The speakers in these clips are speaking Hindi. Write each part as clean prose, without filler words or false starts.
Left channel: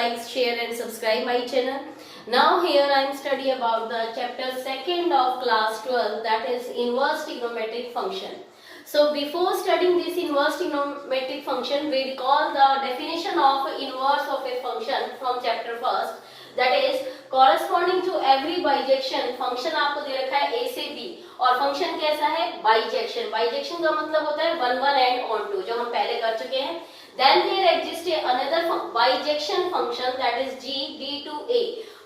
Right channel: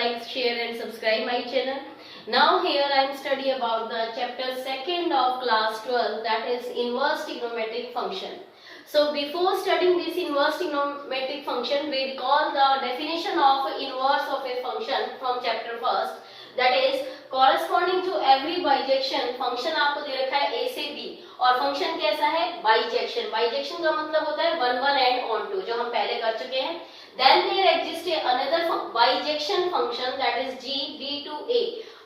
like, share and subscribe my channel. Now here I am studying about the chapter 2nd of class 12, that is inverse trigonometric function. So before studying this inverse trigonometric function, we recall the definition of inverse of a function from chapter 1st. That is corresponding to every bijection. Function आपको दे रखा है a से b और फंक्शन कैसा है बाइजेक्शन. बाइजेक्शन का मतलब होता है 1 1 and on 2 जो हम पहले कर चुके हैं. Then there exists another bijection function that is g b to a.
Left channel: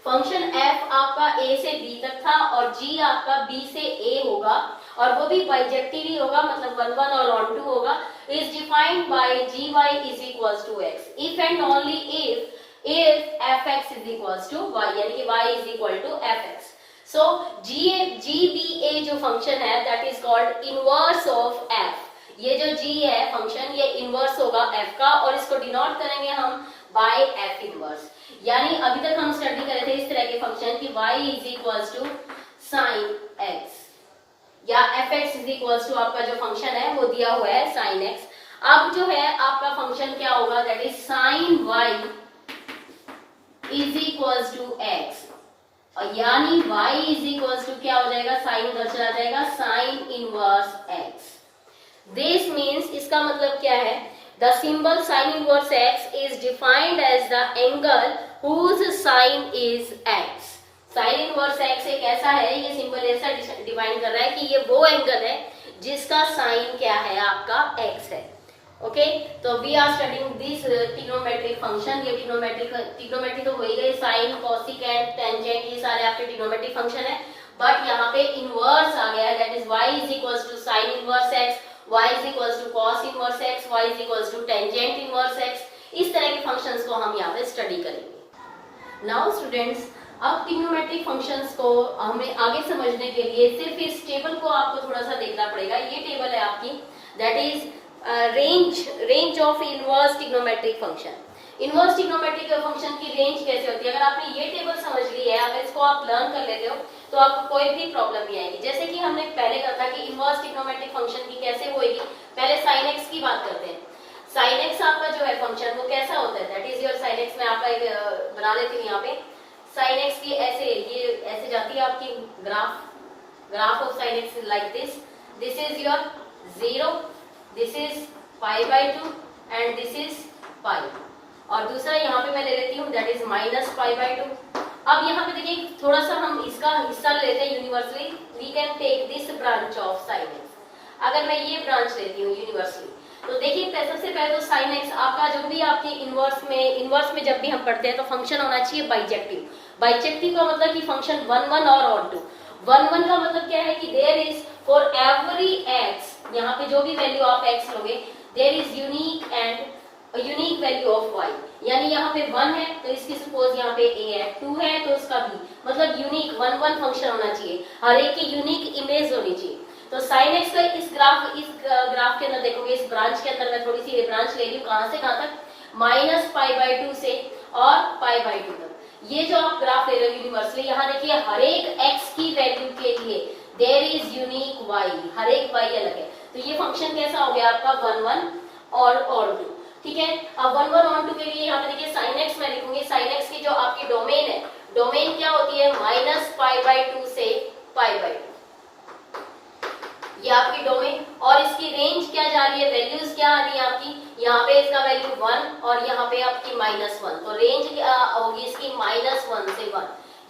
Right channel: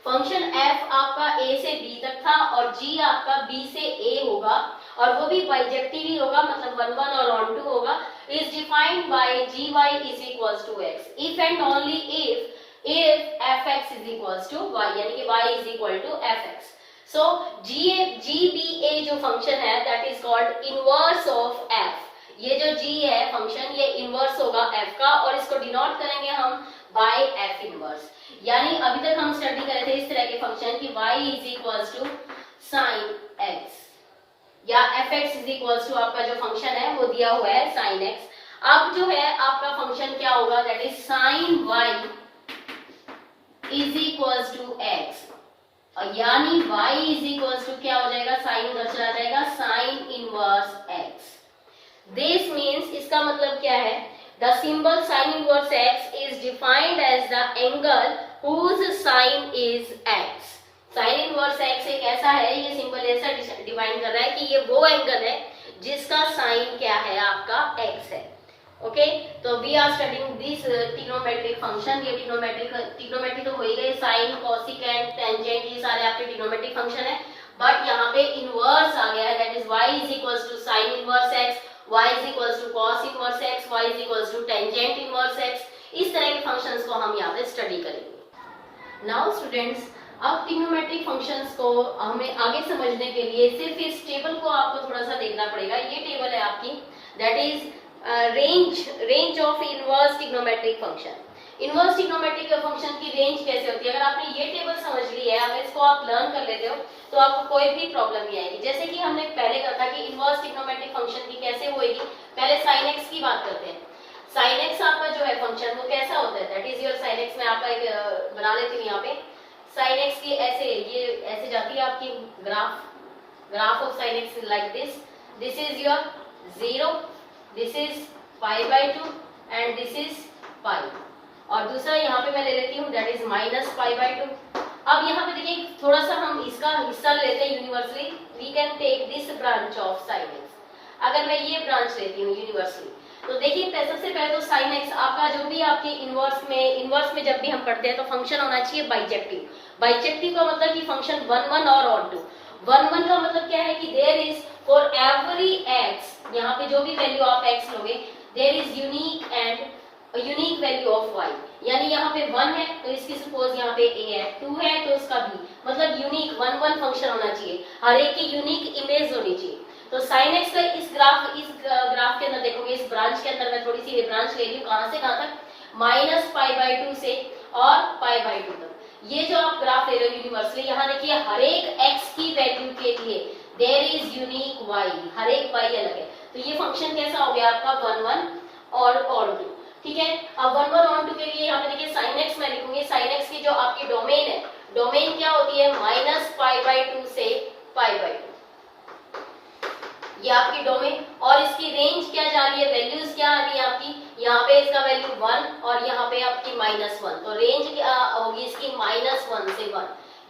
Function f आपका a से b तक था और g आपका b से a होगा और वो भी बाइजेक्टिव ही होगा, मतलब 1 1 और on 2 होगा. Is defined by gy is equals to x if and only if fx is equals to y, यानी कि y is equal to fx. So gba जो फंक्शन है that is called inverse of f. ये जो g है फंक्शन ये इनवर्स होगा f का और इसको डिनोट करेंगे हम by f इनवर्स. यानी अभी तक हम स्टडी कर रहे थे इस तरह के फंक्शन की y is equals to sin x या fx is equals to आपका जो फंक्शन है वो दिया हुआ है sin x. अब जो है आपका फंक्शन क्या होगा that is sin y is equals to x और यानी y is equals to क्या हो जाएगा साइन उधर चला जाएगा sin inverse x. This means इसका मतलब क्या है the symbol sin inverse x is defined as the angle whose sine is x. sin inverse x एक ऐसा है, ये सिंबल ऐसा डिफाइन कर रहा है कि ये वो एंगल है जिसका साइन क्या है आपका x है. ओके तो we are studying this trigonometric function. ये ट्रिग्नोमेट्री तो हो ही गई, साइन कोसिकेंट टेंजेंट ये सारे आपके ट्रिग्नोमेट्रिक फंक्शन है. बट यहाँ पे इनवर्स आ गया है that is y is equals to sine inverse x, y is equals to cos inverse x, y is equals to tangent inverse x. इस तरह के फंक्शंस को हम यहाँ पे स्टडी करेंगे. नाउ स्टूडेंट्स अब ट्रिग्नोमेट्रिक फंक्शंस को हमें आगे समझने के लिए सिर्फ इस टेबल को आपको थोड़ा सा देखना पड़ेगा. ये टेबल है आपकी that is range of inverse trigonometric function. Inverse trigonometric function की रेंज कैसे होती है, अगर आपने ये टेबल समझ ली है, अगर इसको आप लर्न कर लेते हो तो आपको कोई भी प्रॉब्लम नहीं आएगी. जैसे कि हमने पहले कहा था कि इनवर्स ट्रिग्नोमेट्रिक फंक्शन की कैसे होएगी. पहले sin x की बात करते हैं. sin x आपका जो है फंक्शन वो कैसा होता है that is your sin x. मैं आपका एक बना लेती हूँ यहाँ पे. sin x की ऐसे ये ऐसे जाती है आपकी graph of sin x like this. This is your 0, this is pi by 2 and this is pi. और दूसरा यहाँ पे मैं ले लेती हूँ that is minus pi by 2. अब यहाँ पे देखिए थोड़ा सा हम इसका हिस्सा लेते हैं universally. We can take this branch of sin x. अगर मैं ये ब्रांच लेती हूँ यूनिवर्सली तो देखिए सबसे पहले तो sin x आपका जो भी आपके इनवर्स में जब भी हम पढ़ते हैं तो फंक्शन होना चाहिए बाइजेक्टिव. बाइजेक्टिव का मतलब कि फंक्शन 1 1 और on 2. 1 1 का मतलब क्या है कि there is for every x, यहाँ पे जो भी वैल्यू आप x लोगे there is unique value of y. यानी यहाँ पे 1 है तो इसकी सपोज यहाँ पे a है, 2 है तो इसका b, मतलब यूनिक 1 1 फंक्शन होना चाहिए, हर एक की यूनिक इमेज होनी चाहिए. तो sin x का इस ग्राफ के अंदर देखोगे, इस ब्रांच के अंदर मैं थोड़ी सी ब्रांच ले रही हूँ कहाँ से कहाँ तक, माइनस पाई बाई 2 से और पाई बाई 2 तक. ये जो आप ग्राफ ले रहे हो यूनिवर्सली, यहाँ देखिए हर एक x की वैल्यू के लिए देयर इज यूनिक y, हर एक y अलग है. तो ये फंक्शन कैसा हो गया आपका 1 1 और on 2. ठीक है. अब 1 1 on 2 के लिए यहाँ पे देखिए sin x मैं लिखूंगी. sin x की जो आपकी डोमेन है, डोमेन क्या होती है माइनस पाई बाई 2 से पाई बाई 2. ये आपकी डोमेन और इसकी रेंज क्या जा रही है, वैल्यूज क्या आ रही है आपकी, यहाँ पे इसका वैल्यू 1 और यहाँ पे आपकी -1. तो रेंज होगी इसकी -1 से 1.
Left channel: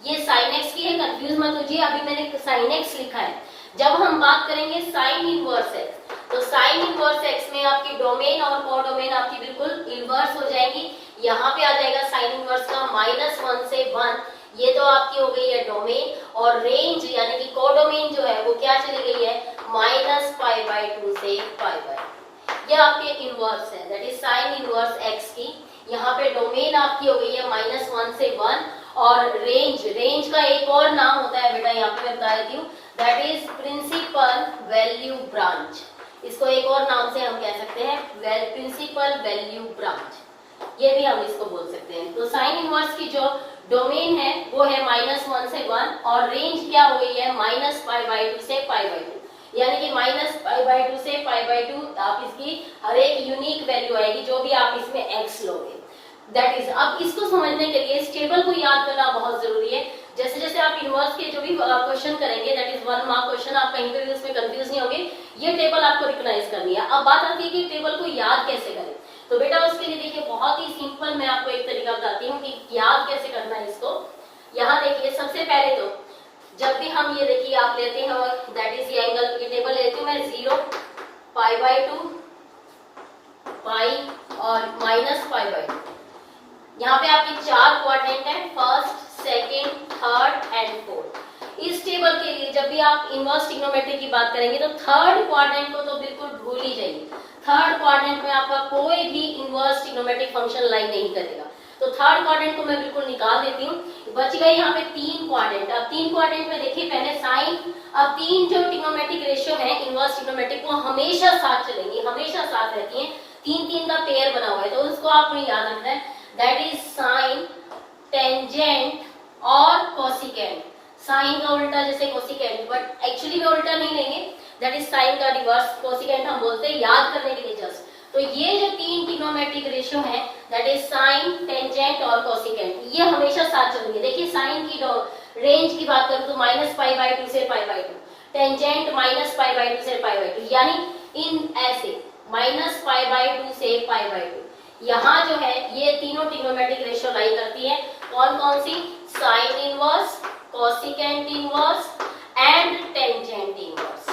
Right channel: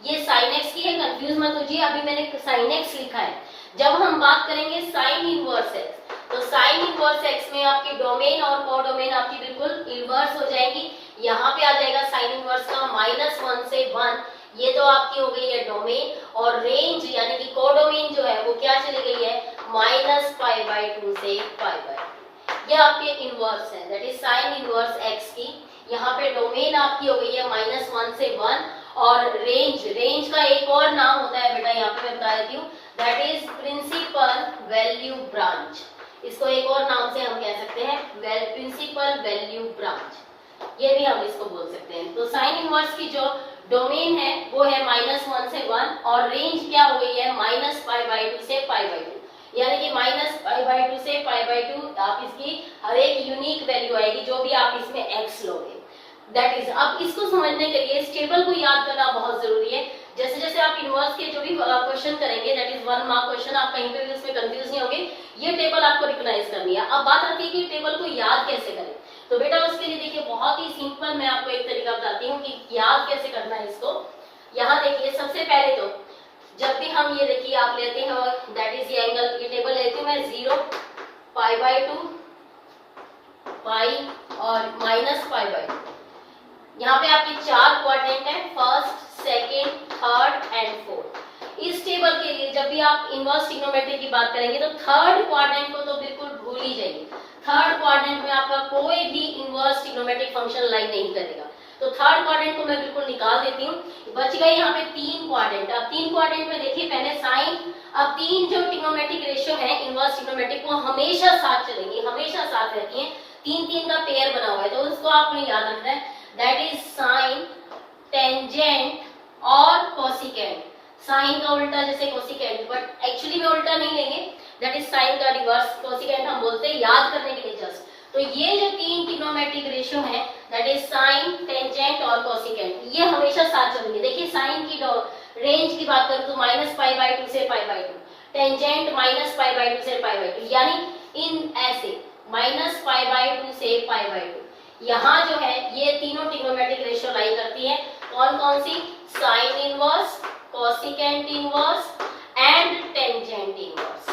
ये sin x की है, कंफ्यूज मत होइए, अभी मैंने sin x लिखा है. जब हम बात करेंगे sin इनवर्स x तो sin इनवर्स x में आपकी डोमेन और कोडोमेन आपकी बिल्कुल इनवर्स हो जाएगी. यहाँ पे आ जाएगा sin इनवर्स का -1 से 1. ये तो आपकी हो गई है डोमेन और रेंज यानी कि कोडोमेन जो है वो क्या चली गई है माइनस पाई बाई 2 से पाई बाई 2. ये आपके इनवर्स है that is sin inverse x की. यहाँ पे डोमेन आपकी हो गई है -1 से 1 और रेंज का एक और नाम होता है बेटा, यहाँ पे मैं बता देती हूँ that is principal value branch. इसको एक और नाम से हम कह सकते हैं प्रिंसिपल वैल्यू ब्रांच, ये भी हम इसको बोल सकते हैं. तो sin इनवर्स की जो डोमेन है वो है -1 से 1 और रेंज क्या हो गई है माइनस पाई बाई 2 से पाई बाई 2. यानी कि माइनस पाई बाई 2 से पाई बाई 2 आप इसकी हर एक यूनिक वैल्यू आएगी जो भी आप इसमें x लोगे. दैट इज, अब इसको समझने के लिए इस टेबल को याद करना बहुत जरूरी है। जैसे जैसे आप इनवर्स के जो भी क्वेश्चन करेंगे, दैट इज 1 मार्क क्वेश्चन, आप कहीं पे भी उसमें कंफ्यूज नहीं होंगे, ये टेबल आपको रिकॉग्नाइज करनी है। अब बात आती है कि टेबल को याद कैसे करें। तो बेटा उसके लिए देखिए बहुत ही सिंपल मैं आपको एक तरीका बताती हूँ कि याद कैसे करना है इसको। यहाँ देखिए सबसे पहले तो जब भी हम ये देखिए आप लेते हैं दैट इज ये एंगल, ये टेबल लेती हूँ मैं 0, π/2, पाई और -π/2। यहाँ पे आपके 4 क्वाड्रेंट है, first, second, third and fourth. इस टेबल के लिए जब भी आप इनवर्स ट्रिग्नोमेट्री की बात करेंगे तो थर्ड क्वाड्रेंट को तो बिल्कुल भूल ही जाइए। थर्ड क्वाड्रेंट में आपका कोई भी इनवर्स ट्रिग्नोमेट्रिक फंक्शन लाई नहीं करेगा। तो थर्ड क्वाड्रेंट को मैं बिल्कुल निकाल देती हूँ। बच गई यहाँ पे 3 क्वाड्रेंट। अब 3 क्वाड्रेंट में देखिए पहले साइन, अब 3 जो ट्रिग्नोमेट्रिक रेशियो है इनवर्स ट्रिग्नोमेट्रिक वो हमेशा साथ चलेंगी, हमेशा साथ रहती है। 3-3 का पेयर बना हुआ है तो उसको आपको याद रखना है, दैट इज साइन, टेंजेंट और कोसिकेंट। साइन का उल्टा जैसे कोसिकेंट, बट एक्चुअली में उल्टा नहीं लेंगे, दैट इज साइन का रिवर्स, कोसिकेंट हम बोलते हैं याद करने के लिए जस्ट। तो ये जो 3 ट्रिग्नोमेट्रिक रेशियो है दैट इज साइन, टेंजेंट और कोसिकेंट, ये हमेशा साथ चलेंगे। देखिए साइन की रेंज की बात करूं तो -π/2 से π/2, टेंजेंट -π/2 से π/2, यानी इन ऐसे -π/2 से π/2। यहाँ जो है ये तीनों ट्रिग्नोमेट्रिक रेशियो लाई करती है। कौन कौन सी? Sine inverse, cosecant inverse and tangent inverse.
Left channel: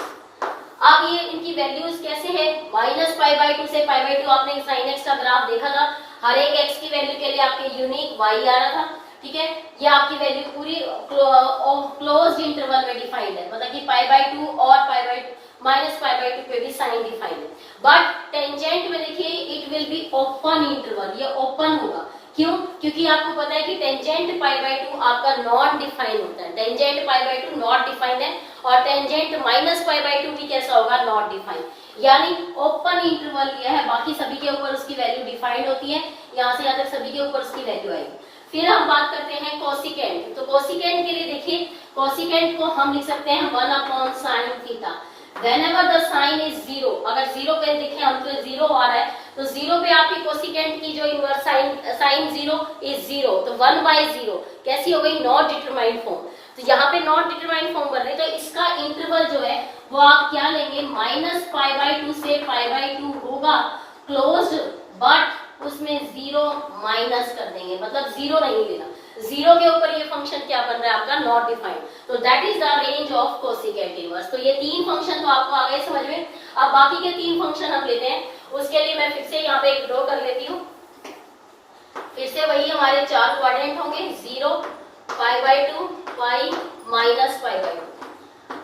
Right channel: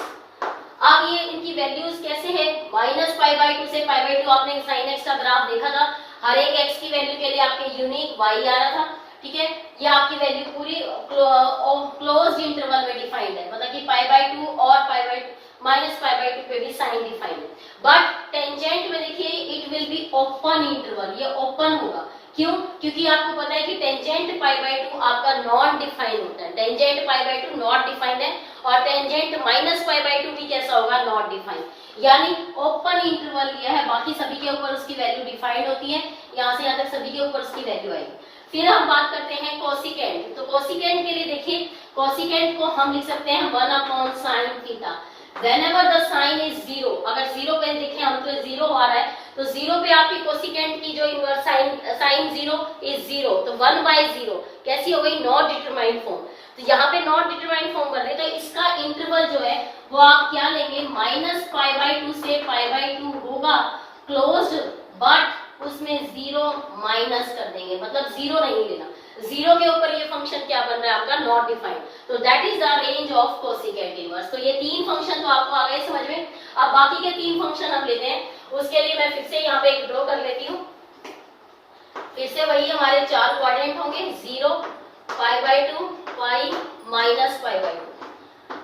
अब ये इनकी वैल्यूज कैसे है? -π/2 से π/2 आपने साइन एक्स का ग्राफ देखा था, हर एक एक्स की वैल्यू के लिए आपके यूनिक वाई आ रहा था, ठीक है। ये आपकी वैल्यू पूरी क्लोज्ड इंटरवल में डिफाइंड है, मतलब कि π/2 और -π/2 पे भी साइन डिफाइंड है। बट टेंजेंट में देखिए it will be open interval, ये ओपन होगा। क्यों? क्योंकि आपको पता है कि टेंजेंट π/2 आपका नॉन डिफाइंड होता है, टेंजेंट π/2 नॉट डिफाइंड है, और टेंजेंट -π/2 भी कैसा होगा? नॉट डिफाइंड, यानी ओपन इंटरवल लिया है, बाकी सभी के ऊपर उसकी वैल्यू डिफाइंड होती है, यहाँ से यहाँ तक सभी के ऊपर उसकी वैल्यू आएगी। फिर हम बात करते हैं कोसिकेंट। तो कोसिकेंट के लिए देखिए, कोसिकेंट को हम लिख सकते हैं 1/sin theta. Whenever the sin is 0, अगर 0 पे देखें हम तो 0 आ रहा है, तो 0 पे आपकी कोसिकेंट की जो इनवर्स साइन 0 इज 0, तो 1/0 कैसी हो गई? Not determined form. तो यहाँ पे नॉट डिटरमाइंड फॉर्म बन रहे, तो इसका इंटरवल जो है वो आप क्या लेंगे? -π/2 से π/2 होगा क्लोज्ड, बट उसमें 0 माइनस कर देंगे, मतलब 0 नहीं लेना। 0 के ऊपर ये फंक्शन क्या बन रहा है आपका? Not defined. तो that is the range of cosecant inverse. तो ये 3 फंक्शन तो आपको आ गए समझ में। अब बाकी के 3 फंक्शन हम लेते हैं, उसके लिए मैं फिर से यहाँ पे एक ड्रॉ कर लेती हूँ। फिर से वही हमारे 4 क्वाड्रेंट होंगे, 0, π/2, पाई, -π/2।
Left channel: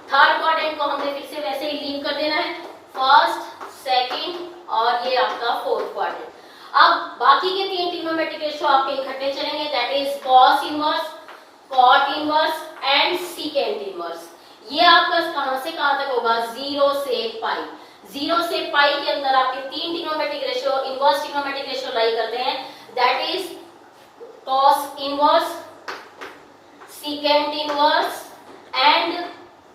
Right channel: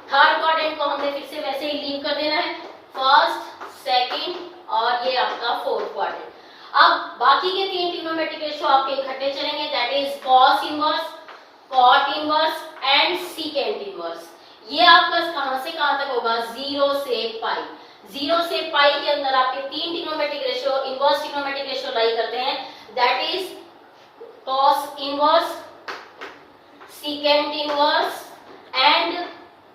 थर्ड क्वाड्रेंट को हमने फिर से वैसे ही लीव कर देना है, फर्स्ट, सेकेंड और ये आपका फोर्थ क्वाड्रेंट। अब बाकी के 3 ट्रिग्नोमेट्रिक रेशियो आपके इकट्ठे चलेंगे, that is cos inverse, cot inverse and secant inverse. ये आपका कहां से कहां तक होगा? 0 से पाई। 0 से पाई के अंदर आपके 3 trigonometric ratio, inverse trigonometric ratio lie करते हैं, that is cos inverse, secant inverse and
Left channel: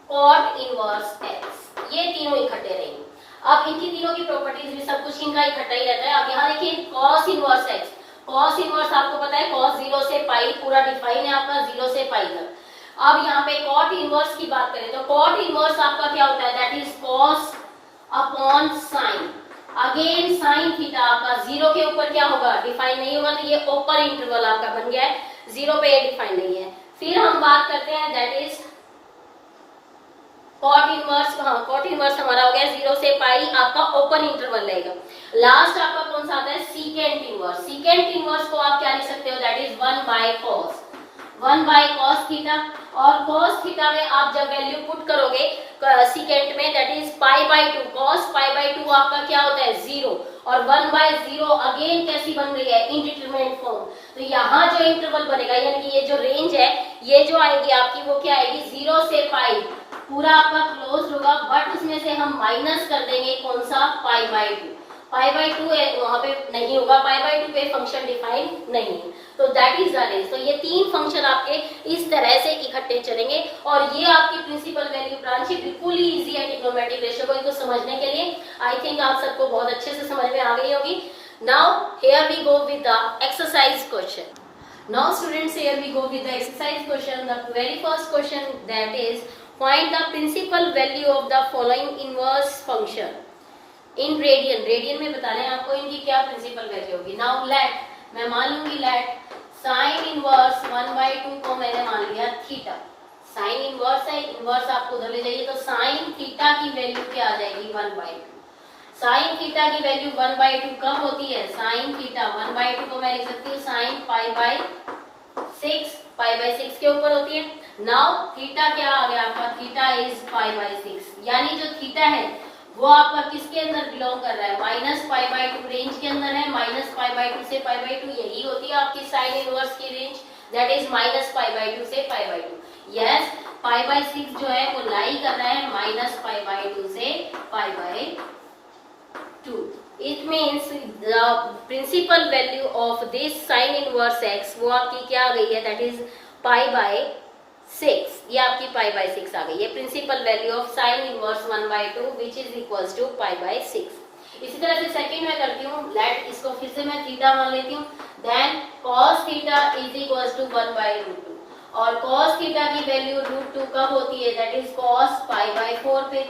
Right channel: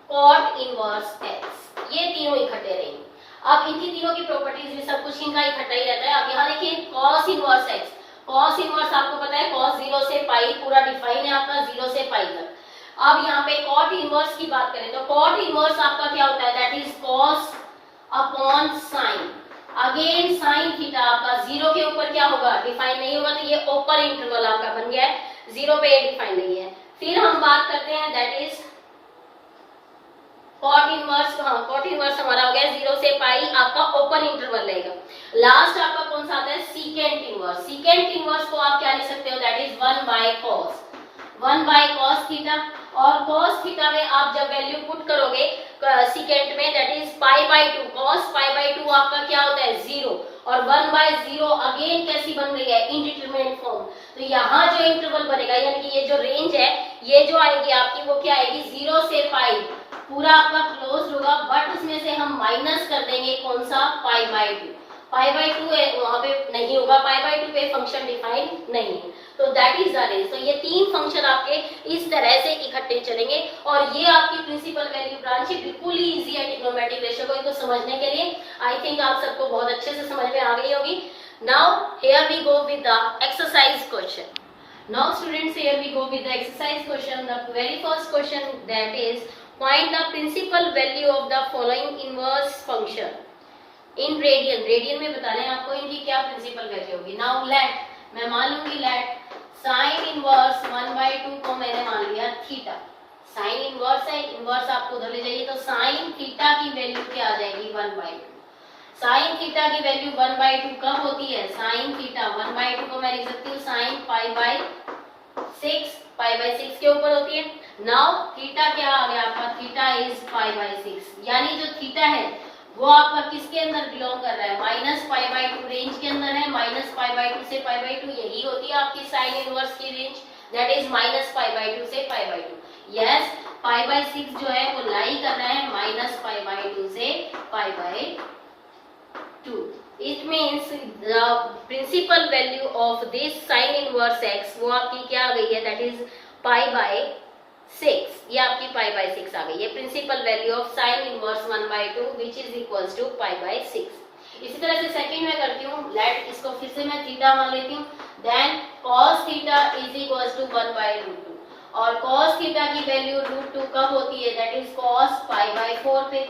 cot inverse x. ये तीनों इकट्ठे रहेंगे। अब इनकी तीनों की प्रॉपर्टीज भी सब कुछ इनका इकट्ठा ही रहता है। अब यहाँ देखिए cos inverse x, cos inverse आपको पता है कॉस 0 से पाई पूरा डिफाइन है आपका 0 से पाई तक। अब यहाँ पे कॉट इनवर्स की बात करें तो कॉट इनवर्स आपका क्या होता है? That is cos upon sine, again sine theta आपका 0 के ऊपर क्या होगा? डिफाइन नहीं होगा, तो ये ओपन इंटरवल आपका बन गया है, 0 पे डिफाइन नहीं है। फिर हम बात करते हैं that is cot inverse. Cot inverse हमारा हो गया 0 से पाई, आपका ओपन इंटरवल रहेगा। लास्ट आपका कौन सा आता है? Secant inverse. सीकेंट इनवर्स को आप क्या लिख सकते हो? That is 1/cos, 1/cos theta. और cos थीटा में आप जब वैल्यू पुट करोगे सीकेंट में, दैट इज π/2, cos π/2 आपका क्या होता है? 0, और 1/0 अगेन कैसी बन गई है? Indeterminate form. तो यहाँ जो इंटरवल बनेगा, यानी कि ये जो रेंज है, ये जो आएगी आपकी वो क्या आएगी? 0 से पाई पूरा आपका क्लोज होगा, बट उसमें से हम माइनस कर देंगे कौन सा? π/2। π/2 वहां पे नहीं होगा, π/2 पे फंक्शन डिफाइन नहीं है। तो दैट इज द रेंज। तो ये 3 फंक्शन आपके इस तरह से इकट्ठे चलेंगे, और ये आपकी प्रिंसिपल वैल्यू ब्रांच बिल्कुल ही इजी है ट्रिग्नोमेट्रिक रेशियो को इनको समझने के लिए। आई थिंक आप सबको बहुत अच्छे से समझ में आ गई होगी। Now here we go with the exercise question. Now students, here we go with the exercise question. The very first question, that is, find the principal value of the following inverse function in radian. Radian में बताना है आपको इनकी क्या प्रिंसिपल वैल्यू होगी. नाउ लेट, मैं मान लूंगी लेट साइन इनवर्स 1/2 को मैंने मान लिया थीटा. साइन इनवर्स है, इनवर्स आपको उधर ले जाइए, तो साइन थीटा की वैल्यू क्या आ जाएगी 1/2. साइन थीटा की वैल्यू 1/2 कब होती है? साइन थीटा 1/2 को मैं लिख सकती हूँ साइन π/6, π/6 के ऊपर होती है. नाउ थीटा क्या आ गया आपका? थीटा इज π/6, यानी जो थीटा है वो आपका किसके अंदर बिलोंग कर रहा है? -π/2 रेंज के अंदर है. -π/2 से π/2 यही होती है आपकी साइन इनवर्स की रेंज, दैट इज -π/2 से π/2. यस, π/6 जो है वो लाई कर रहा है -π/2 से π/2. It means the principal value of this sine inverse x वो आपकी क्या आ गई है? That is π/6. ये आपकी π/6 आ गई है, principal value of sine inverse 1/2 which is equals to π/6. इसी तरह से सेकंड में करती हूँ. लेट इसको फिर से मैं थीटा मान लेती हूँ. Then cos theta is equals to 1/√2, और cos थीटा की वैल्यू √2 कब होती है? दैट इज cos π/4 पे,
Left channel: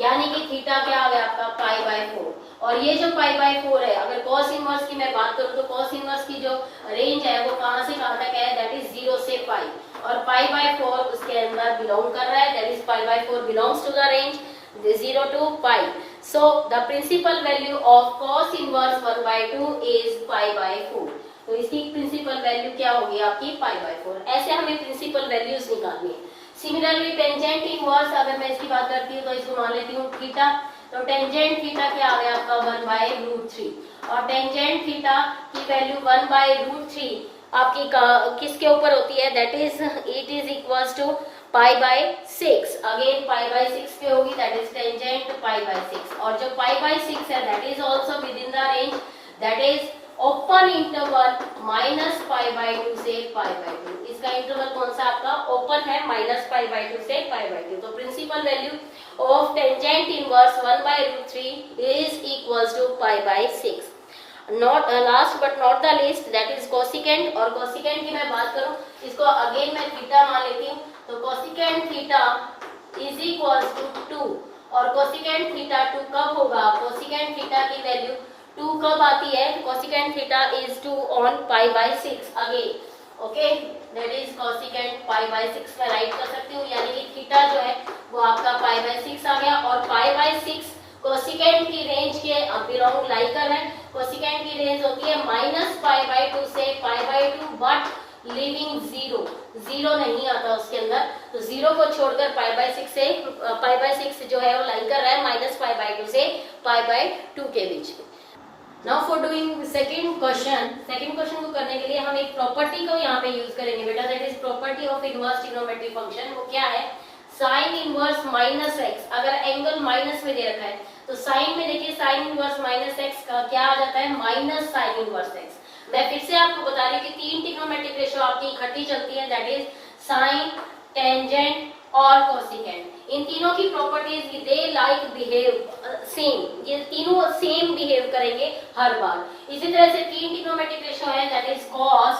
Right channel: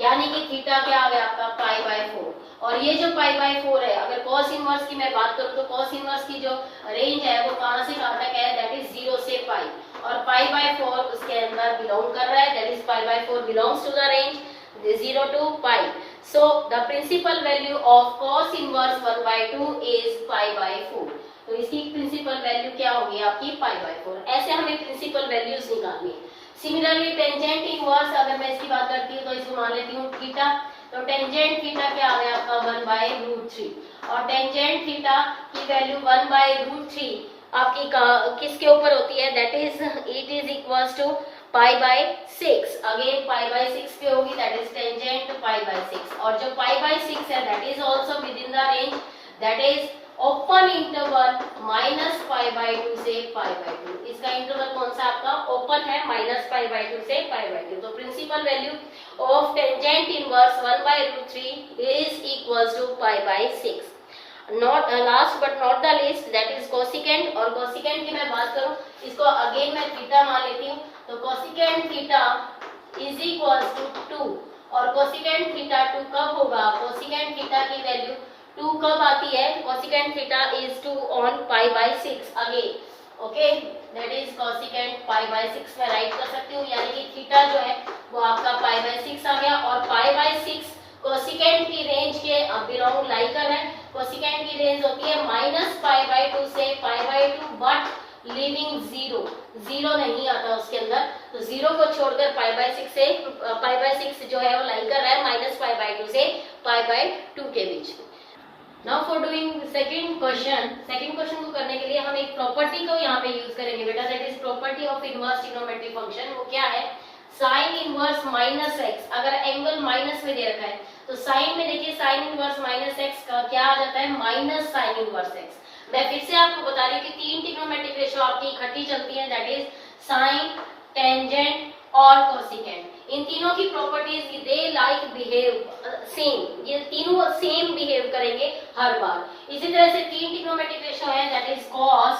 यानी कि थीटा क्या आ गया आपका? π/4. और ये जो π/4 है, अगर cos इनवर्स की मैं बात करूँ तो cos इनवर्स की जो रेंज है वो कहाँ से कहाँ तक है? दैट इज 0 से π, और π/4 उसके अंदर बिलोंग कर रहा है, that is π/4 belongs to the range 0 to π. So the principal value of cos inverse 1/2 is π/4. तो इसकी प्रिंसिपल वैल्यू क्या होगी आपकी? π/4. ऐसे हमें प्रिंसिपल वैल्यूज निकालनी है. सिमिलरली टेंजेंट इनवर्स, अगर मैं इसकी बात करती हूँ तो इसको मान लेती हूँ थीटा. तो टेंजेंट थीटा क्या आ गया आपका? 1/√3, और टेंजेंट थीटा की वैल्यू 1/√3 आपकी किसके ऊपर होती है? That is it is equals to π/6. Again π/6 पे होगी, दैट इज टेंजेंट π/6. और जो π/6 है that is also within the range, that is open interval -π/2 से π/2. इसका इंटरवल कौन सा आपका? ओपन है, -π/2 से π/2. तो principal value of tangent inverse 1/√3 is equals to π/6. Not last but not the least, that is cosecant. और कोसिकेंट की मैं बात करूं, इसको अगेन मैं थीटा मान लेती हूँ. तो cosecant theta is equals to 2, और कोसिकेंट थीटा 2 कब होगा? कोसिकेंट थीटा की वैल्यू 2 कब आती है? Cosecant theta is 2 on π/6 again. Okay, that is cosecant π/6 में राइट कर सकती हूँ, यानी कि थीटा जो है वो आपका π/6 आ गया. और π/6 कोसिकेंट की रेंज के बिलोंग लाई कर रहे हैं. कोसिकेंट की रेंज होती है -π/2 से π/2, बट लिविंग 0 नहीं आता उसके अंदर. तो 0 को छोड़कर π/6 जो है वो लाई कर रहा है -π/2 से π/2 के बीच. Now for doing second question को करने के लिए हम एक प्रॉपर्टी को यहाँ पे यूज करेंगे बेटा, that is property of inverse trigonometric function. वो क्या है? साइन इनवर्स -x, अगर एंगल माइनस में दे रखा है तो साइन में देखिए साइन इनवर्स -x का क्या आ जाता है? Minus sign inverse x. मैं फिर से आपको बता रही थी 3 ट्रिग्नोमेट्रिक रेशियो आपकी इकट्ठी चलती है, दैट इज साइन, टेंजेंट और कोसिकेंट. इन तीनों की properties they like behave same, ये तीनों सेम बिहेव करेंगे हर बार. इसी तरह से 3 ट्रिग्नोमेट्रिक रेशियो है, that is cos,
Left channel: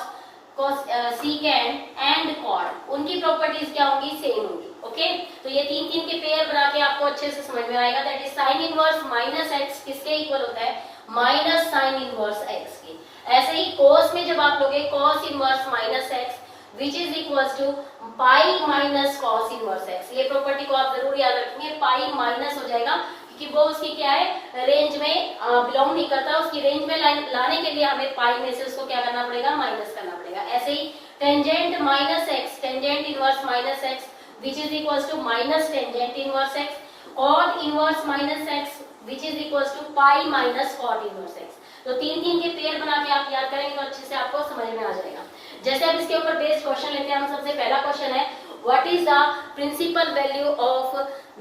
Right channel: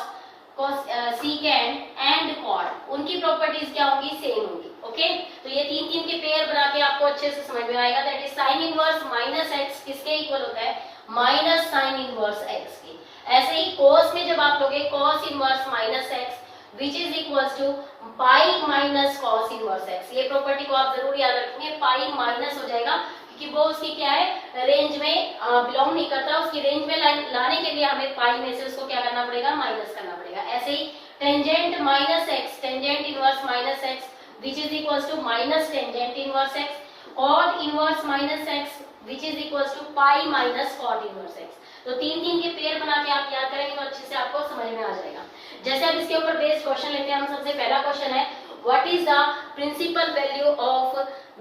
secant and cot. उनकी प्रॉपर्टीज क्या होंगी? सेम होंगी. ओके, तो ये 3 के पेयर बना के आपको अच्छे से समझ में आएगा. That is sine inverse -x किसके इक्वल होता है? माइनस साइन इनवर्स x के. ऐसे ही कोस में जब आप लोगे cos inverse -x which is equals to pi minus cos inverse x. ये प्रॉपर्टी को आप जरूर याद रखेंगे. पाई माइनस हो जाएगा क्योंकि वो उसकी क्या है? रेंज में बिलोंग नहीं करता. उसकी रेंज में लाने के लिए हमें पाई में से उसको क्या करना पड़ेगा? माइनस करना पड़ेगा. ऐसे ही tangent -x, tangent inverse -x which is equals to minus tangent inverse x. Cot inverse -x which is equals to pi minus cot inverse x. तो 3 के पेयर बना के आप याद करेंगे तो अच्छे से आपको समझ में आ जाएगा. जैसे अब इसके ऊपर बेस्ड क्वेश्चन लेते हैं हम. सबसे पहला क्वेश्चन है, what is the principal value of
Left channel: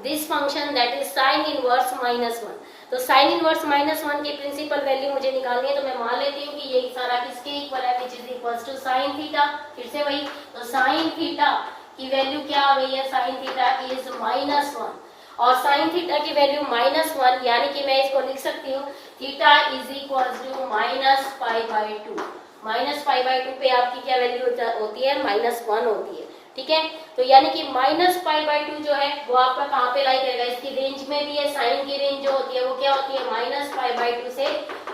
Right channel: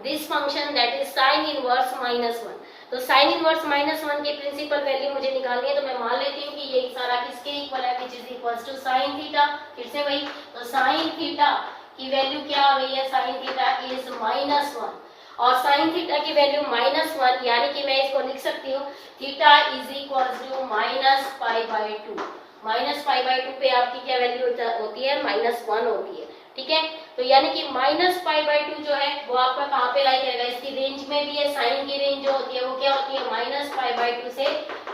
this function that is sine inverse -1. तो साइन इनवर्स -1 की प्रिंसिपल वैल्यू मुझे निकालनी है. तो मैं मान लेती हूँ कि ये सारा किसके इक्वल है? Which is equals to sine theta. फिर से वही, तो साइन थीटा की वैल्यू क्या आ गई है? साइन थीटा इज -1, और साइन थीटा की वैल्यू -1, यानी कि मैं इसको लिख सकती हूँ थीटा इज इक्वल टू -π/2। -π/2 पे आपकी क्या वैल्यू होती है, -1 होती है। ठीक है, तो यानी कि -π/2 जो है वो आपका कहाँ पे लाई करेगा, इसकी रेंज में भी है। साइन की रेंज जो होती है वो क्या होती है, -π/2 से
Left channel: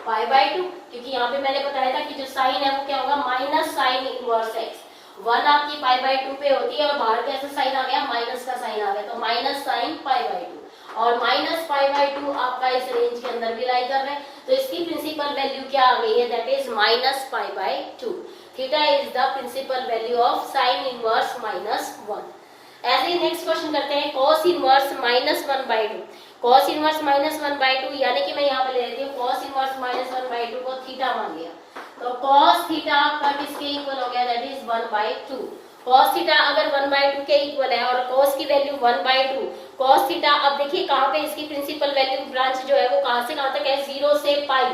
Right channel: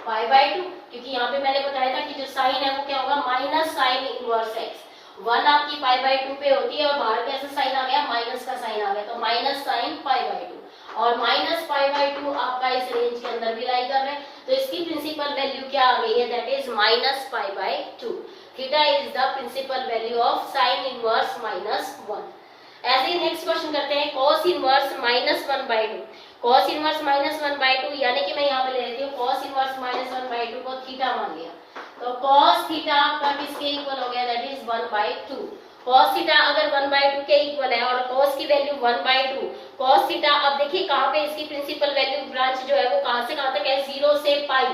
π/2, क्योंकि यहाँ पे मैंने बताया था कि जो साइन है वो क्या होगा, माइनस साइन इनवर्स एक्स। 1 आपकी π/2 पे होती है और बाहर कैसा साइन आ गया, माइनस का साइन आ गया, तो माइनस साइन π/2 और -π/2 आपका इस रेंज के अंदर भी लाई कर रहे हैं। तो इसकी प्रिंसिपल वैल्यू क्या आ गई है, that is -π/2। Theta is the principal value of sine inverse -1। ऐसे ही नेक्स्ट क्वेश्चन करते हैं, cos इनवर्स -1/2। cos इनवर्स -1/2 यानी कि मैं यहाँ पे ले लेती हूँ cos इनवर्स -1/2 को थीटा मान लिया, तो cos थीटा आपका किसके इक्वल हो गया, दैट इज 1/2। cos थीटा अगर 1/2 के इक्वल है और cos की वैल्यू 1/2, cos थीटा अब देखिए कहाँ पे इसकी प्रिंसिपल वैल्यू ब्रांच जो है वो कहाँ से कहाँ तक है, 0 से पाई।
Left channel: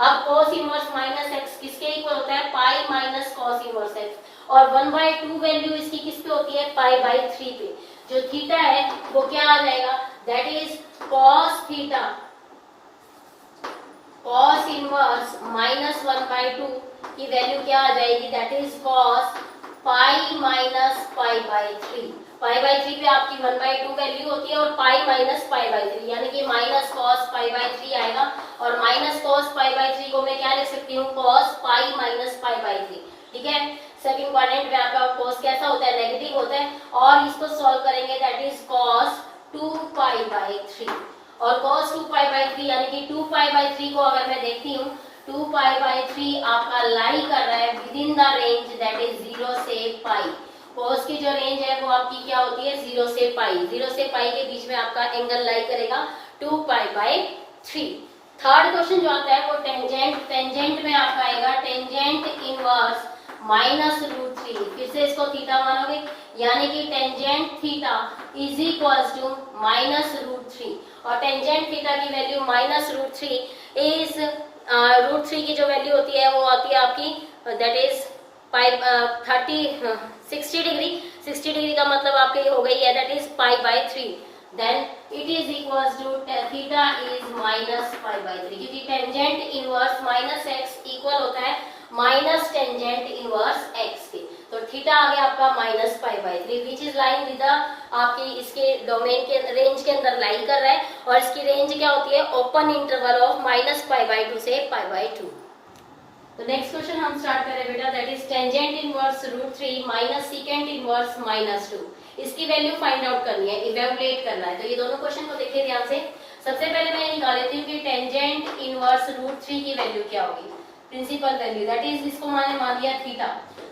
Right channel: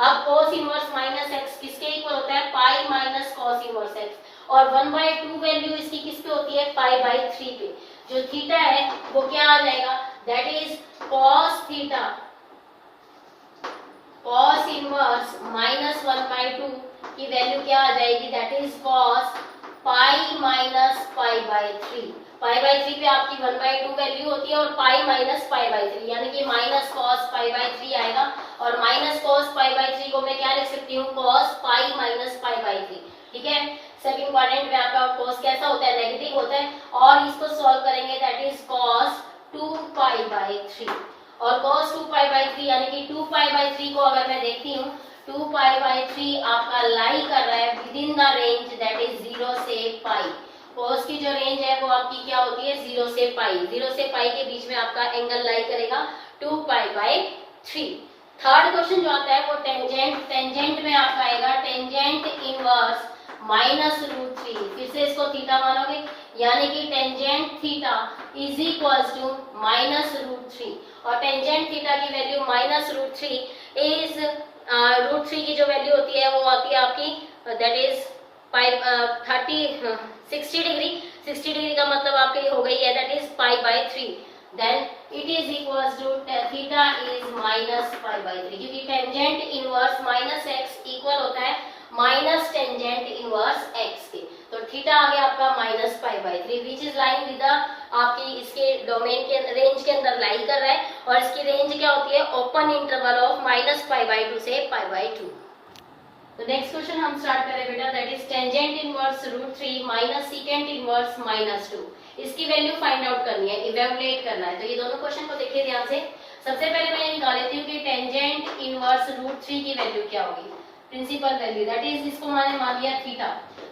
अब cos इनवर्स -x किसके इक्वल होता है, पाई माइनस cos इनवर्स x, और 1/2 वैल्यू इसकी किस पे होती है, π/3 पे। जो थीटा है वो क्या आ जाएगा, that is cos theta, cos inverse -1/2 की वैल्यू क्या आ जाएगी, that is cos pi minus π/3। π/3 पे आपकी 1/2 वैल्यू होती है और पाई माइनस π/3, यानी कि माइनस cos π/3 आएगा, और माइनस cos π/3 को मैं क्या लिख सकती हूँ, cos पाई माइनस π/3। ठीक है, सेकंड क्वाड्रेंट में आपका cos कैसा होता है, नेगेटिव होता है, और इसको सॉल्व करेंगे दैट इज cos 2π/3, और cos 2π/3 यानी कि 2π/3 को अगर मैं देखती हूँ, 2π/3 आपका लाई कर रहा है with in the range that is 0 से पाई। cos की जो रेंज है वो आपकी क्या होती है, 0 से पाई। 0 से पाई के बीच में आपका एंगल लाई करेगा 2π/3। थर्ड क्वेश्चन जो आता है वो टेंजेंट। टेंजेंट में आपका आएगा टेंजेंट इनवर्स -√3। फिर से इसको थीटा मानोगे, यानी कि tangent theta is equals to -√3, और टेंजेंट थीटा की वैल्यू -√3 इज √3 की जो वैल्यू होती है वो आती है आपकी दैट इज 60 डिग्री। 60 डिग्री का मतलब आपके हो गई है that is π/3, then it is equals to theta is -π/3, क्योंकि टेंजेंट इनवर्स -x इक्वल होता है माइनस टेंजेंट इनवर्स x के, तो थीटा आ गया आपका -π/3 विच इज लाइन विद आपकी इसके डोमेन के रेंज के अंदर लाइन कर रहा है, और इसकी रेंज क्या होती है, ओपन इंटरवल ऑफ -π/2 से π/2। तो नेक्स्ट क्वेश्चन हम स्टार्ट करें बेटा, that is tangent inverse √3 minus secant inverse -2। इसकी वैल्यू फाइंड आउट करनी है, इवैल्यूएट करना है। तो ये दोनों क्वेश्चन को देखिए ध्यान से। सबसे पहले मैं निकाल लेती हूँ कि टेंजेंट इनवर्स √3 की वैल्यू क्या होगी, प्रिंसिपल वैल्यू दैट इज इसको मैंने मान लिया थीटा,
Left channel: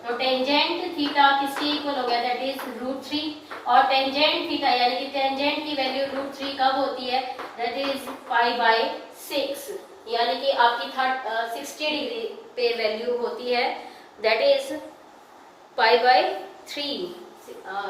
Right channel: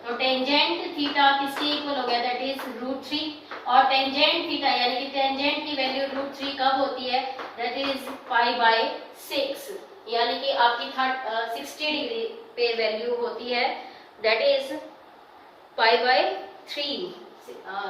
तो टेंजेंट थीटा किसके इक्वल हो गया, दैट इज √3, और टेंजेंट थीटा यानी कि टेंजेंट की वैल्यू √3 कब होती है, दैट इज π/6, यानी कि आपकी 60 डिग्री पे वैल्यू होती है दैट इज π/3।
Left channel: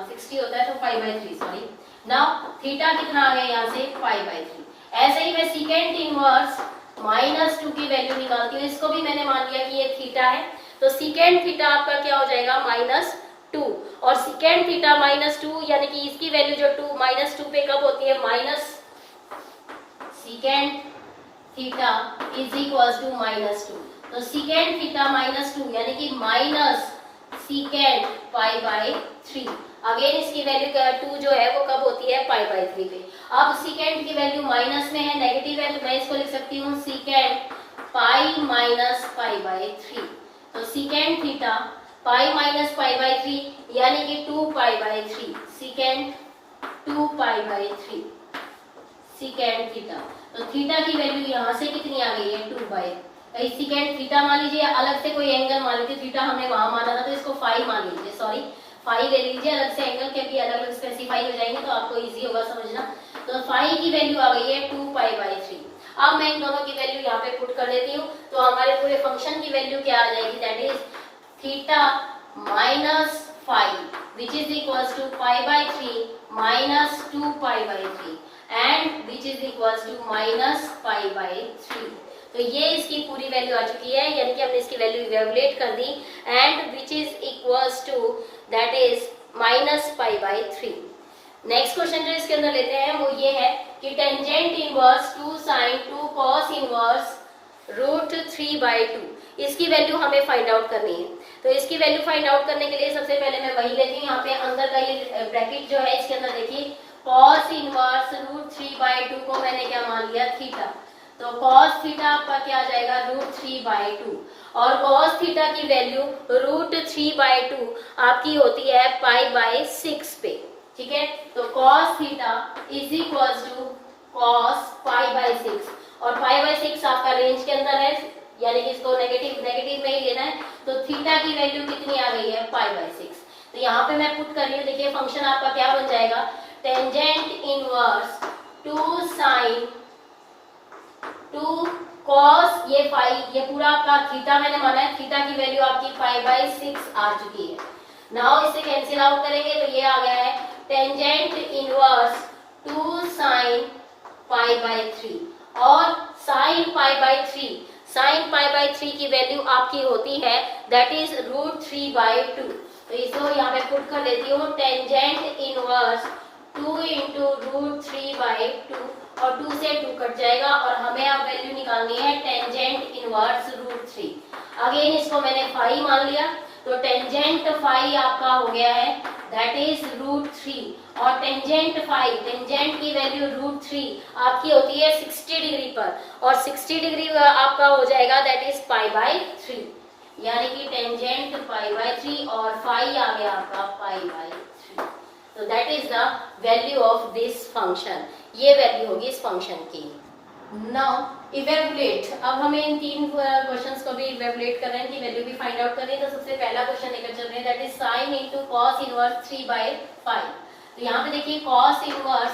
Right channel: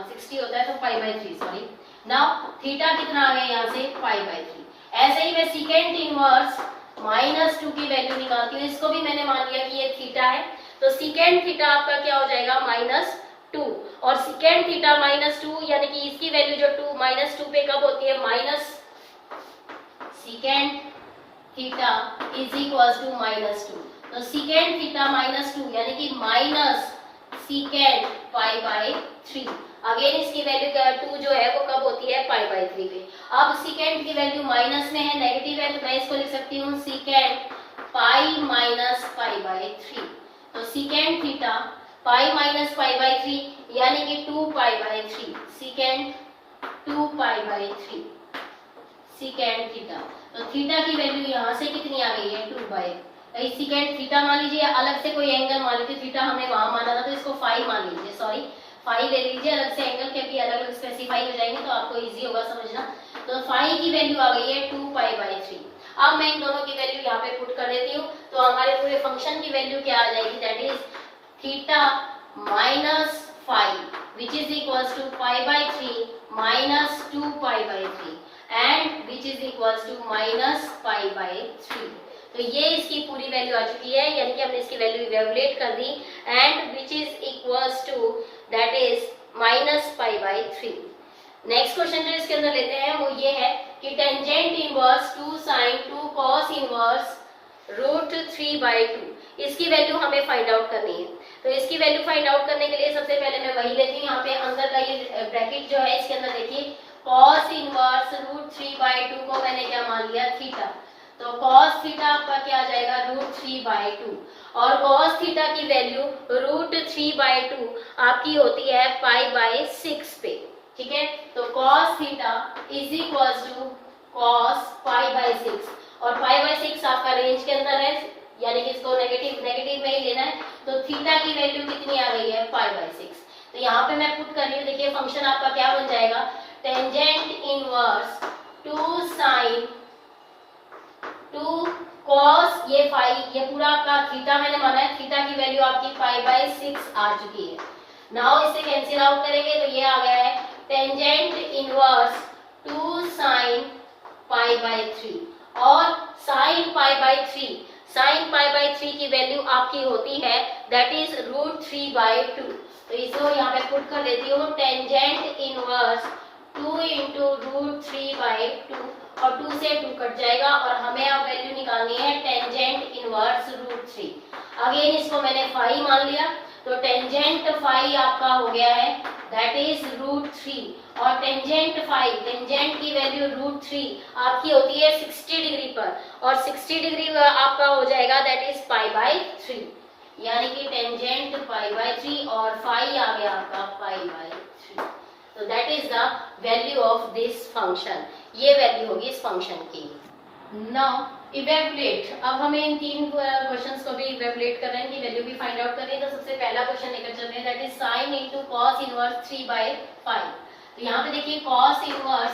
60 होता है तो π/3, सॉरी। नाउ थीटा कितना आ गया यहाँ से, π/3। ऐसे ही मैं सीकेंट इनवर्स -2 की वैल्यू निकालती हूँ, इसको भी मैंने मान लिया कि ये थीटा है, तो सीकेंट थीटा आपका क्या हो जाएगा, -2, और सीकेंट थीटा -2 यानी कि इसकी वैल्यू जो -2 पे कब होती है, minus secant theta is equals to -2, तो सीकेंट थीटा -2 यानी कि माइनस सीकेंट π/3। अगेन इसकी वैल्यू क्या है, 2 जो है वो कब होती है, π/3 पे। अब सीकेंट की वैल्यू माइनस में है, नेगेटिव है, तो मैं इसको लिख सकती हूँ सीकेंट पाई माइनस π/3, तो सीकेंट थीटा पाई माइनस π/3 यानी कि 2π/3, सीकेंट 2π/3 सीकेंट थीटा। तो थीटा की वैल्यू यहाँ से कितनी आ गई है, 2/, सीकेंट थीटा मान लीजिए, अलग से कोई एंगल मान लीजिए, थीटा हमने वहां माना था तो इसको फाई मान लीजिए, सॉरी फाई ले लीजिए, अलग से एंगल के भी अलग अलग स्पेसिफाई हो जाएंगे तो आपको इजी होगा समझना। तो फाई की वैल्यू आ गई है 2π/3। अब मैं इन दोनों की वैल्यू यहाँ पे पुट कर देती हूँ, तो हमारे पूरे फंक्शन की वैल्यू क्या आ जाएगी, that is theta minus phi which is equals to π/3 minus 2π/3 and which is equals to minus π/3। तो ये इसकी पूरी वैल्यू आ चुकी है, यानी कि हमने इसकी वैल्यू इवैल्यूएट कर दी, and which is equals to that is -π/3। Next question जो इसके अंदर लेते हैं वो ये है कि tangent inverse 2 sine 2 cos inverse root 3/2 इसकी वैल्यू हमें फाइंड आउट करनी है। तो इसकी वैल्यू फाइंड आउट करने के लिए सबसे पहले मैं वही लेती हूँ, यहाँ पे अंदर का ये ब्रैकेट जो है इसके अंदर देखिए कॉस इनवर्स रूट 3/2 को मैंने क्या मान लिया थीटा, तो कॉस थीटा आपका क्या आ जाएगा रूट 3/2 और कॉस थीटा की वैल्यू रूट 3/2 आपकी होती है π/6 पे, ठीक है। तो cos theta is equal to cos π/6 और π/6 आपका रेंज के अंदर है, यानी कि इसको नेगेटिव में ही लेना है। तो थीटा की वैल्यू कितनी आ गई है π/6। तो यहाँ पे मैं पुट कर रही हूँ, देखिए फंक्शन आपका क्या बन जाएगा टेंजेंट इनवर्स 2 साइन 2 कॉस ये ये पूरा आपका थीटा मैंने माना है, थीटा की वैल्यू आपकी π/6 आ चुकी है। नाउ इसे कैंसिल आउट करेंगे तो ये आ गया है टेंजेंट इनवर्स 2 साइन π/3 और साइन π/3, साइन π/3 की वैल्यू आपकी होती है दैट इज रूट 3/2। तो इसको यहाँ पे पुट कर देती हूँ टेंजेंट इनवर्स 2 इंटू रूट 3/2 और 2 से 2 कट जाएगा और हमें अब वैल्यू निकालनी है टेंजेंट इनवर्स रूट 3। अगेन इसको मैंने फाई मान लिया, तो टेंजेंट फाई आपका हो गया है दैट इज रूट 3 और टेंजेंट फाई, टेंजेंट की वैल्यू रूट 3 आपकी होती है 60 डिग्री पर और 60 डिग्री आपका हो जाएगा दैट इज π/3, यानी कि टेंजेंट π/3 और फाई आ गया आपका π/3। तो that is the value of this function, ये वैल्यू होगी इस फंक्शन की। नाउ इवेलुएट, अब हमें इन तीन क्वेश्चंस को भी इवेलुएट करना है कि वैल्यू भी फाइंड आउट करें। तो सबसे पहला क्वेश्चन लेकर चल रहे हैं that is sign into cos inverse 3/5। तो यहाँ पे देखिए कॉस इनवर्स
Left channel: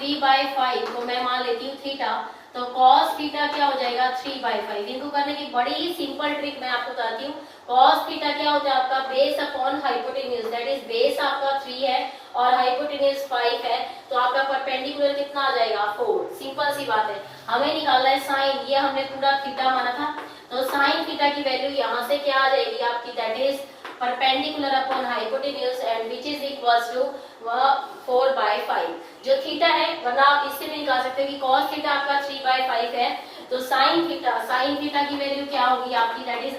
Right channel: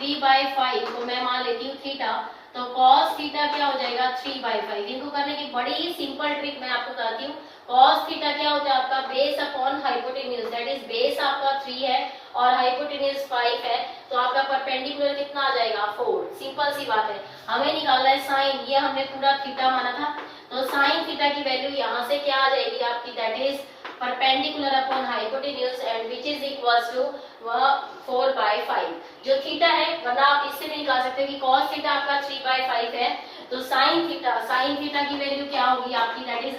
3/5 तो मैं मान लेती हूँ थीटा, तो कॉस थीटा क्या हो जाएगा 3/5। इनको करने की बड़ी ही सिंपल ट्रिक मैं आपको बताती हूँ। कॉस थीटा क्या होता है आपका base upon hypotenuse, that is base आपका 3 है और हाइपोटेन्यूज 5 है, तो आपका परपेंडिकुलर कितना आ जाएगा 4। सिंपल सी बात है, हमें निकालना है साइन, ये हमने पूरा थीटा माना था, तो साइन थीटा की वैल्यू यहाँ से क्या आ जाएगी आपकी that is perpendicular upon hypotenuse and which is equals to 4/5 जो थीटा है, वरना आप इससे भी निकाल सकते हो कि कॉस थीटा आपका 3/5 है, तो साइन थीटा की वैल्यू क्या होगी आपकी that is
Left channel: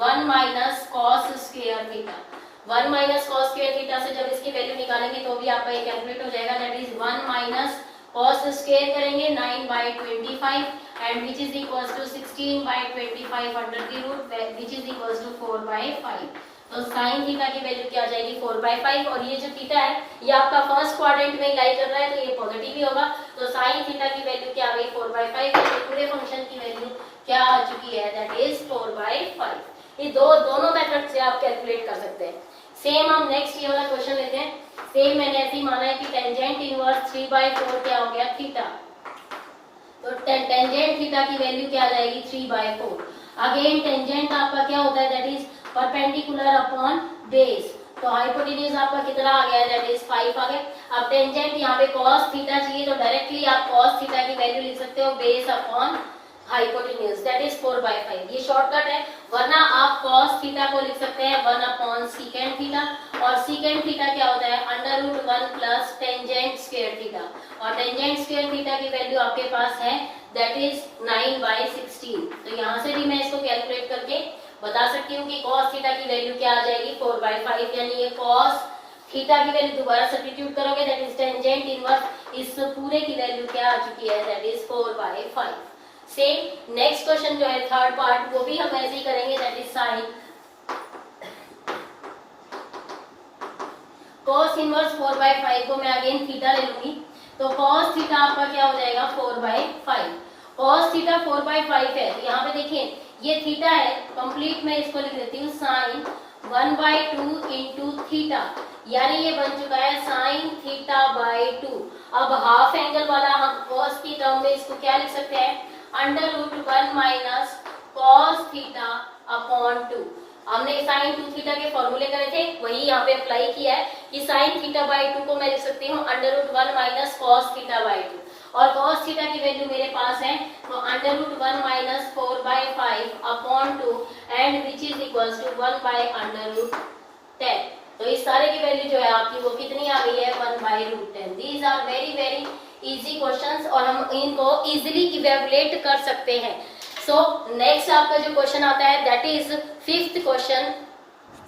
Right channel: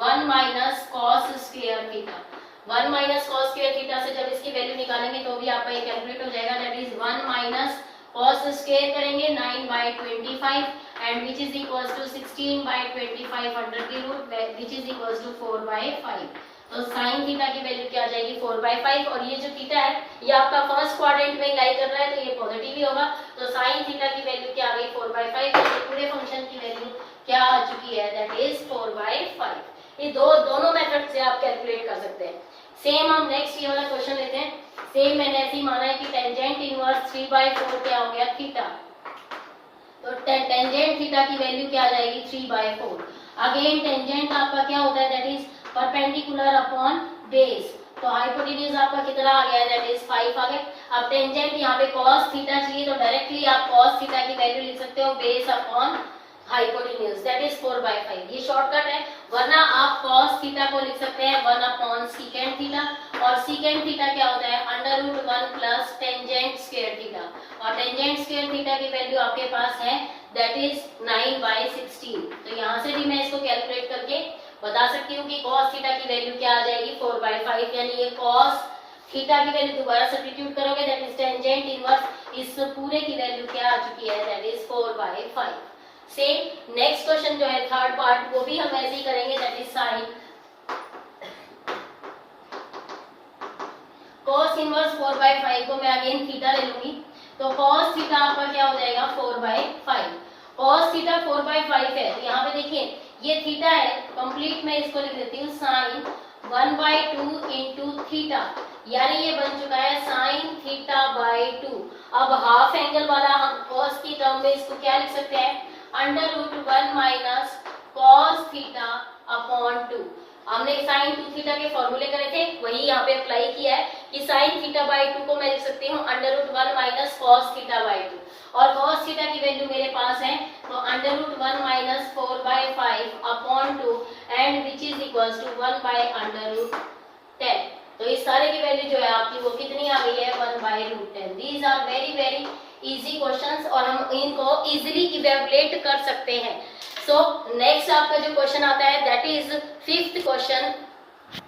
√1 minus cos square theta. 1 minus cos square theta से जब इसकी वैल्यू निकालेंगे तो भी आपका ये कैलकुलेट हो जाएगा that is 1 minus cos square करेंगे 9/25 and which is equals to 16/25 under the root which is equals to 4/5। तो साइन थीटा की वैल्यू क्या आ जाएगी 4/5 और ये जो थीटा है ये आपका फर्स्ट क्वाड्रेंट में लाई कर रहा है तो ये पॉजिटिव ही होगा, तो साइन थीटा की वैल्यू क्या आ गई 4/5 और पूरे फंक्शन की वैल्यू क्या आ चुकी है दैट इज 4/5। ये दोनों मेथड से आप कैलकुलेट कर सकते हैं। सेम हम नेक्स्ट ये वाला क्वेश्चन लेते हैं, सेम मैंने ऐसे ही माना है कि टेंजेंट इनवर्स 3/4 क्या हो गया थीटा, तो टेंजेंट थीटा की वैल्यू क्या आ जाएगी 3/4। अगेन टेंजेंट आपका क्या होता है that is perpendicular upon base, तो हाइपोटेन्यूज आपका कितना आ गया दैट इज 5 आ गया। अब टेंजेंट यहाँ पे cos थीटा चाहिए तो डायरेक्टली आप cos थीटा की वैल्यू लिख सकते हो base upon hypotenuse that is 4/5, ये शॉर्टकट है, वरना आप cos थीटा को लिख सकते हैं 1 अपॉन सीकेंड थीटा और सीकेंड थीटा क्या होता है √1 प्लस टेंजेंट स्क्वायर थीटा और टेंजेंट स्क्वायर थीटा की वैल्यू आपके पास है दैट इज 9/16। तो यहाँ से भी मैं इसको कैलकुलेट करके बता सकती हूँ कि cos थीटा की वैल्यू क्या आ जाएगी 4/5, यानी ये cos थीटा की वैल्यू दोबारा सब्स्टिट्यूट करोगे दैट इज टेंजेंट इनवर्स इस पूरे की वैल्यू क्या आ चुकी है that is 4/5। Same next question जो है थर्ड पार्ट वो भी हम ऐसे ही करेंगे that is sign cos inverse 4/5 को मैं अगेन थीटा ले लूंगी, तो cos थीटा आपका क्या हो जाएगा 4/5। cos थीटा 4/5 है, तो यहाँ पे देखिए ये थीटा है, कंप्लीट मैं इसको लिख देती हूँ साइन 1/2 इंटू थीटा, यानी ये बन चुका है साइन थीटा/2। अब हाफ एंगल वाला हम cos की टर्म में इसको क्या लिख सकते हैं √1 माइनस cos थीटा अपॉन 2। हमने साइन 2 थीटा के फॉर्मूले करे थे वही यहाँ पे अप्लाई किया है कि साइन थीटा/2 को मैं लिख सकती हूँ √1 माइनस cos थीटा/2 और cos थीटा की वैल्यू मेरे पास है तो √1 minus 4/5 upon 2 and which is equals to 1/√10। तो इस सारे की वैल्यू जो है आपकी वो कितनी आ गई है 1/√10। These are very very easy questions और हम इनको इजीली इवेलुएट कर सकते हैं। सो नेक्स्ट आपका जो क्वेश्चन आता है that is 5th question.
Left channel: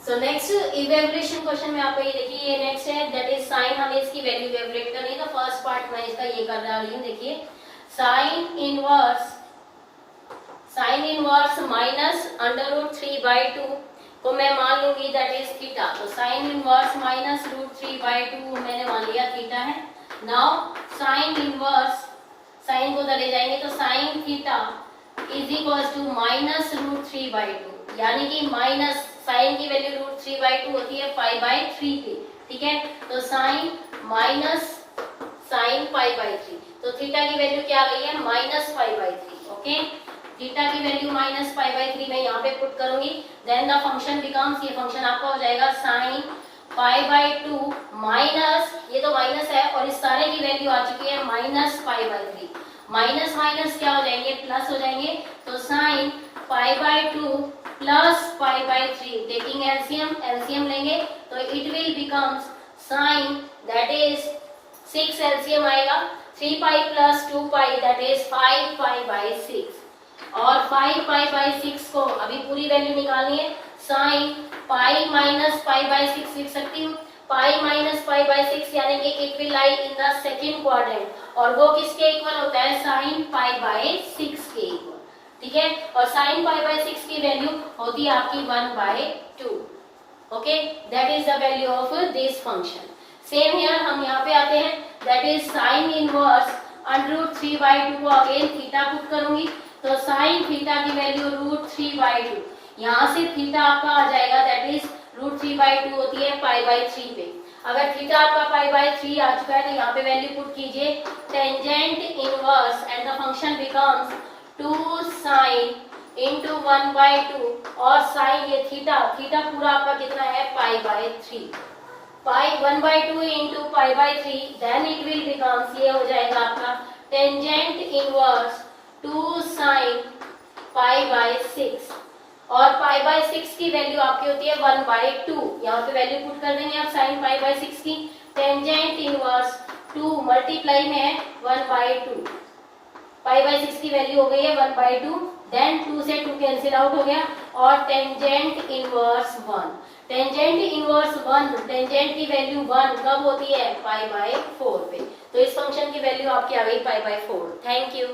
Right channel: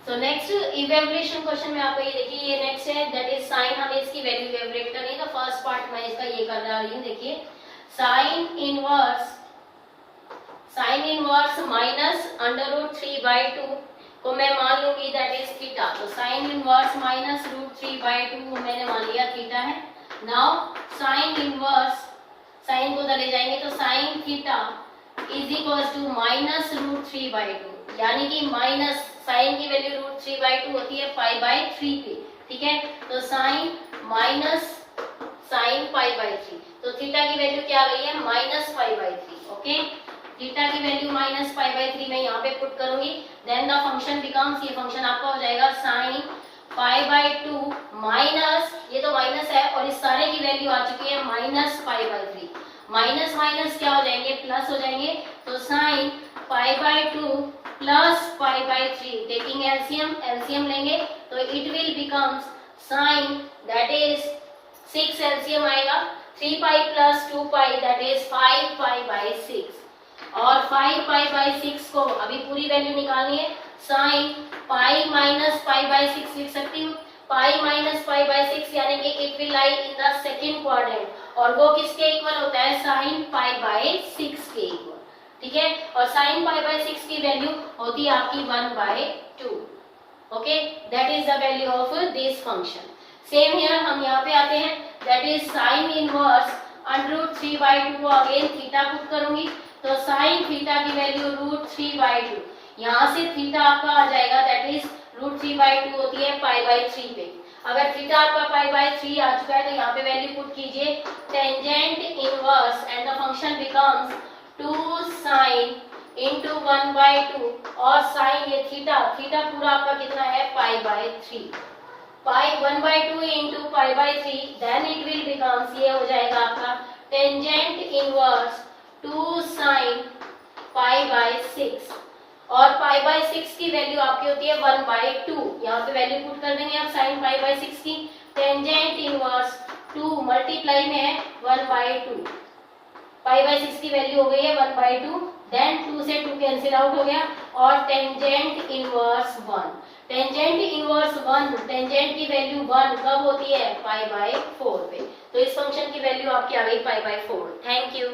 So next evaluation question में आपको ये देखिए, ये नेक्स्ट है दैट इज साइन, हमें इसकी वैल्यू इवेल्युएट करनी है। तो फर्स्ट पार्ट मैं इसका ये कर रही हूँ, देखिए साइन इनवर्स माइनस √3/2 को मैं मान लूंगी दैट इज थीटा। तो साइन इनवर्स माइनस √3/2 मैंने मान लिया थीटा है। नाउ साइन इनवर्स, साइन को चले जाएंगे तो sine theta is equals to minus √3/2, यानी कि माइनस साइन की वैल्यू √3/2 होती है π/3 पे, ठीक है। तो साइन माइनस साइन π/3, तो थीटा की वैल्यू क्या आ गई है माइनस π/3। ओके, थीटा की वैल्यू माइनस π/3 मैं यहाँ पे पुट करूंगी। देन द फंक्शन बिकम्स, ये फंक्शन आपका हो जाएगा साइन π/2 माइनस, ये तो माइनस है और इस सारे की वैल्यू आ चुकी है माइनस π/3। माइनस माइनस क्या हो जाएंगे प्लस हो जाएंगे। तो साइन π/2 प्लस π/3 टेकिंग एलसीएम लेंगे तो it will becomes sine that is 6 LCM आएगा 3π प्लस 2π दैट इज 5π/6 और 5π/6 को अभी पूरी वैल्यू निकालनी है। साइन पाई माइनस π/6 लिख सकती हूँ। पाई माइनस π/6 यानी कि it will lie in the second quadrant और वो किसके इक्वल होता है साइन π/6 के इक्वल, ठीक है। और साइन π/6 की वैल्यू होती है आपकी 1/2। Okay, that is the value of this function. Same here हम यहाँ पे आते हैं दैट इज साइन इनवर्स √3/2 को अगेन थीटा पुट करूंगी। तो साइन थीटा की वैल्यू √3/2, यहाँ से थीटा आपका आ जाएगा दैट इज √3/2 होती है π/3 पे। अगर थीटा आपका π/3 आ चुका है तो यहाँ पे वैल्यू पुट कीजिए tangent inverse and the function becomes 2 sine into 1/2 और साइन ये थीटा पूरा आपका कितना है π/3। 1/2 into π/3 then it will becomes, ये हो जाएगा आपका टेंजेंट इनवर्स 2 साइन π/6 और π/6 की वैल्यू आपकी होती है 1/2। यहाँ पे वैल्यू पुट कर देंगे आप साइन π/6 की। टेंजेंट इनवर्स 2 मल्टीप्लाई में है 1/2, π/6 की वैल्यू हो गई है 1/2। देन 2 से 2 कैंसिल आउट हो गया और tangent inverse 1। Tangent inverse 1, tangent की वैल्यू 1 कब होती है π/4 पे। तो इस फंक्शन की वैल्यू आपकी आ गई π/4। Thank you.